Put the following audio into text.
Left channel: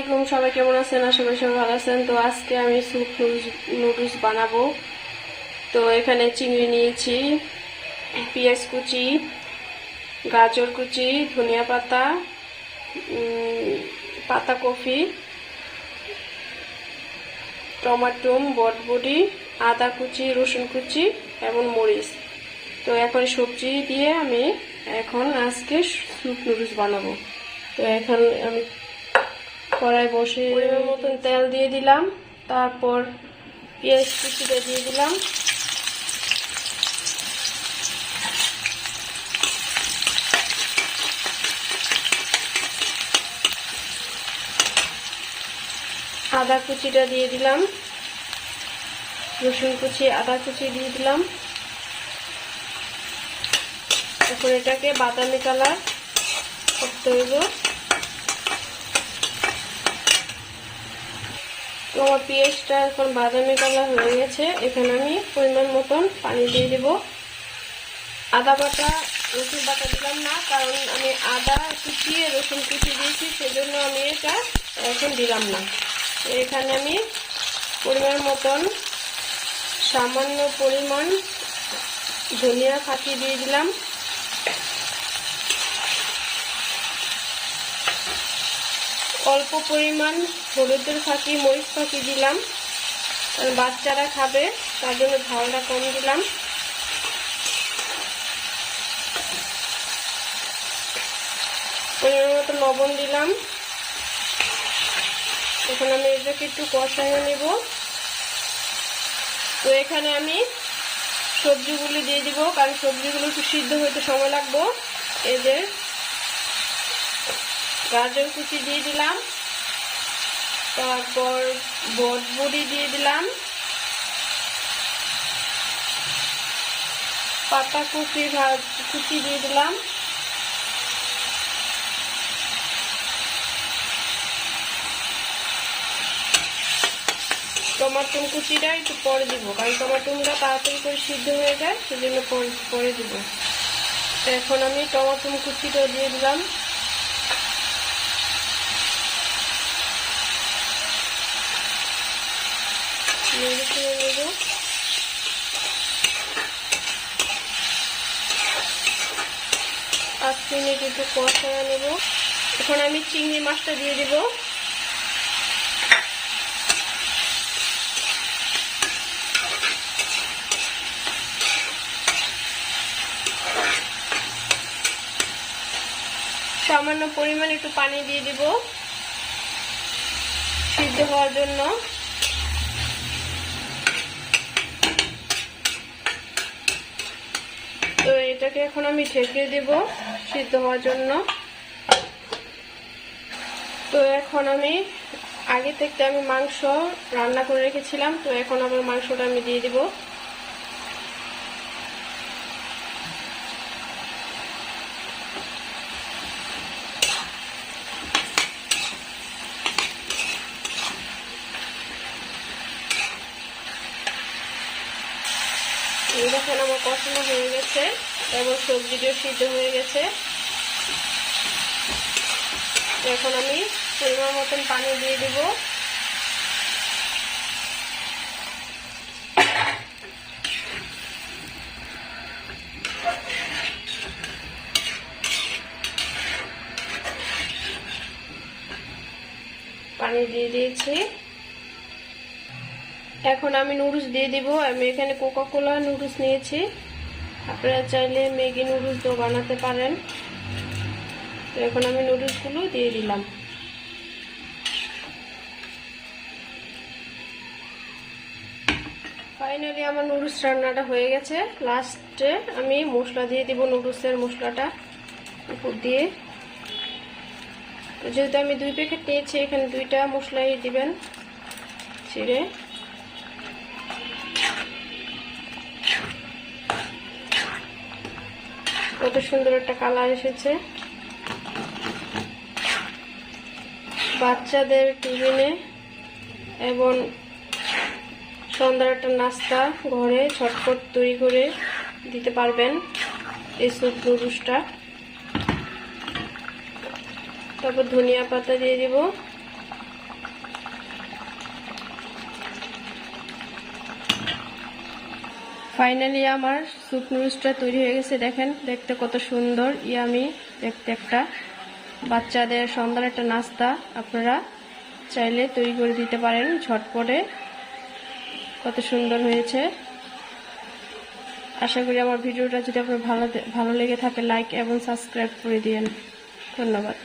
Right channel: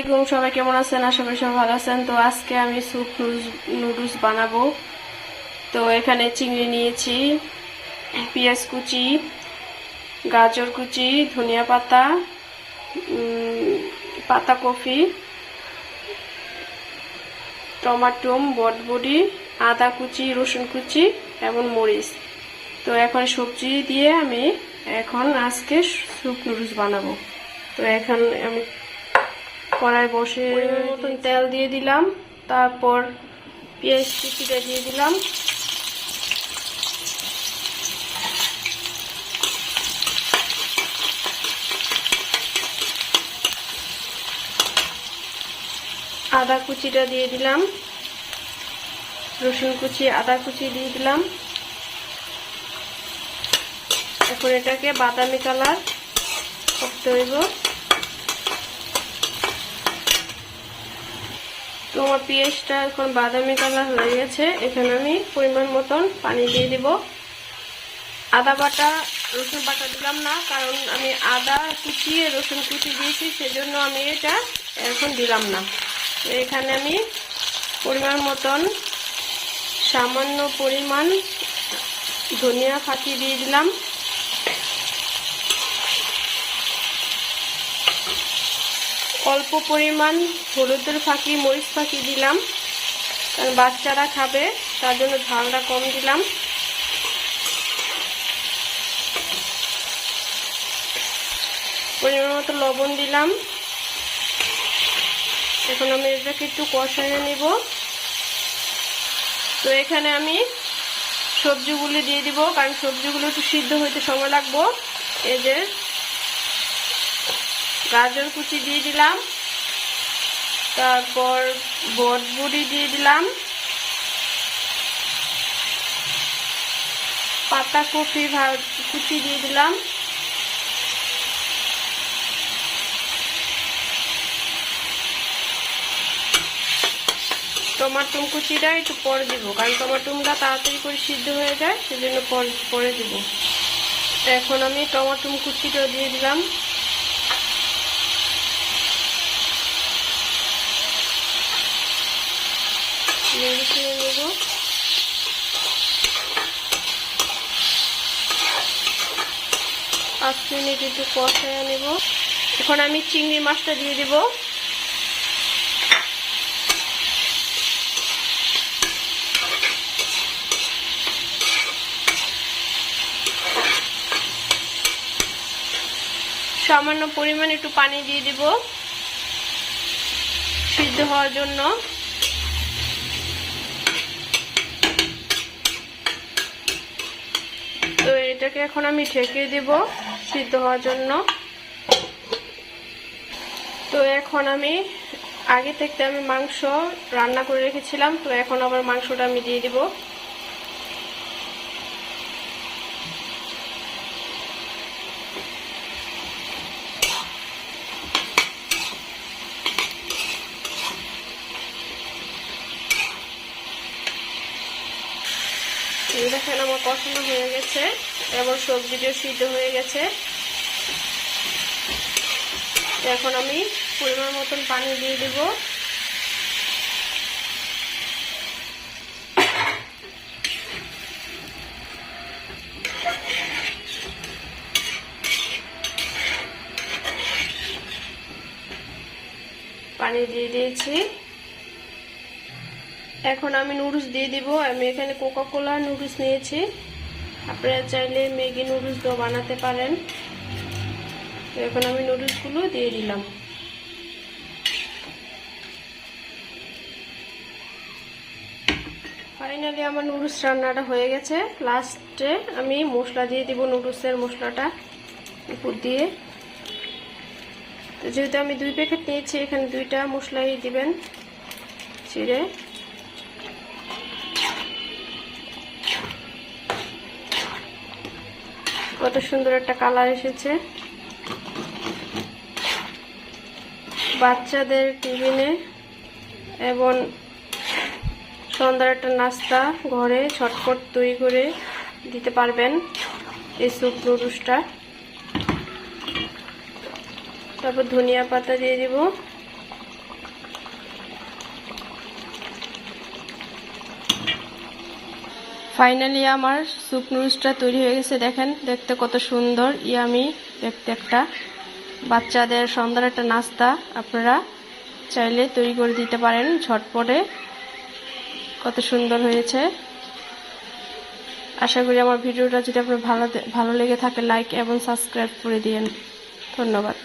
আলাইকুম, সবাই কেমন আছেন? আশা করি সবাই ভালো আছেন। তো আজকে আমি স্যুপ নুডলস বানাবো। তো এখানে চিংড়ি নিয়েছি, পেঁয়াজ কুচি, গাজর কুচি, ধনিয়া পাতা, পাতাকপি, টমাটো, বটবটি, আদা কুচি, রসুন কুচি এবং মরিচ। তো এখন সবজি দিয়ে আমি আজকে স্যুপ নুডলস বানাবো। তো এখন আমি কড়াই বসে মতন তেল দিয়ে দিলাম, তারপর পেঁয়াজ কুচিটা দিয়ে দিলাম, আদা কুচিটা দিয়ে দিলাম, রসুন কুচি, আদা কুচি দিয়ে দিলাম। এখন এটাকে বাদামি কালার করতে হইব। তোমার পেঁয়াজটা এখন বাদামি কালার হয়ে গেছে। এখানে আমি পরিমাণ মতন পানি দিয়ে দিব। আদা বাটা রসুন বাটা দিলাম না, কারণ আমি আদা কুচিয়ে রসুন কুচি দিয়েছি, সেজন্য আমি এটা এখন দিলাম না। এখানে আমি পরিমাণ মতন সামান্য পরিমাণ ধনিয়া ফাঁকি দিয়ে দিলাম, অল্প পরিমাণ হলুদের ফাঁকি, মরিচ ফাঁকি দিলাম, কারণ বাচ্চারা খাবে, তার জন্য ঝালটা কম দিলাম। পরিমাণ মতো লবণ দিলাম। এখন আমি এটাকে একটু কষাইয়ে নেব। তো এখানে আমি সবজিগুলো দিয়ে দিব, কারণ সবজিগুলো একটু সিদ্ধ হইতে সময় লাগবে। এদের গাজর কুচি দিয়ে দিলাম, তারপর বটবটি দিয়ে দিলাম, পাতাকপি কুচি দিয়ে দিলাম, টমাটো কুচিটা একটু পরে দিব, কারণ টমাটোটা তাড়াতাড়ি করে সিদ্ধ হয়ে যায়, সেজন্য পরে দিব। এখন আমি টমাটো কুচিটা দিয়ে দিলাম, নেড়ে চেড়ে নেব। 5 মিনিট একটু কষাইয়া নেব। এখন আমি চিংড়ি মাছটা দিয়ে দিব। সামান্য পরিমাণ একটু পানি দিয়ে দিব সিদ্ধ হওয়ার জন্য। তো এটাকে এখন আমি ঢেকে দেব সিদ্ধ হওয়ার জন্য। তো এখন আমি আগে থেকে আমি মাংস রান্না করে রেখেছিলাম, তো এখন আবার মাংসটা আমি দিয়ে দিব। দেখেন আমার কষানো হয়ে গেছে এবং সবজিটাও সিদ্ধ হয়ে গেছে। এখন আমি পরিমাণ মতন পানি দিয়ে দেব। পানি দিয়ে দিয়েছি। এখন আমি নুডলস দিয়ে দিব। আমি এখানে কোকা কোলা নুডলস নিয়েছি, আপনারা চাইলে ম্যাগি নুডলসও বানাতে পারেন। তো এখন আমি নুডলসগুলো দিয়ে দিলাম। ফাইনালি আমার নুডলস রান্নাটা হয়ে গেছে। লাস্টে আমি মশলা দিয়ে দিব, নুডলসের মশলাটা উপর দিয়ে। তো যেহেতু আমি 2 প্যাকেট নিয়েছি, এখানে 2টা মশলাই দিবেন ছিঁড়ে। কত সুন্দর একটা কালার এসেছে। বাচ্চাদের টিফিনে এবং সন্ধ্যার একটা নাস্তা ঘরে ঝটপট তৈরি করে দিতে পারবেন এই স্যুপ নুডলসটা। তারপর ধনিয়া পাতা দিয়ে দিব। ফাইনালি আমার স্যুপ নুডলসটা তৈরি হয়ে গেছে। দেখেন দেখতে কত সুন্দর, ইয়ামি দেখতে একটা বাচ্চাদের সন্ধ্যার একটা নাস্তা আপনারা চাইলে তৈরি করে দিতে পারেন ঝটপটে। কত সুন্দর হয়েছে। আশা করি আমার ভিডিওটা যদি আপনার ভালো লেগে থাকে লাইক এবং সাবস্ক্রাইব করে দিয়েন। ধন্যবাদ।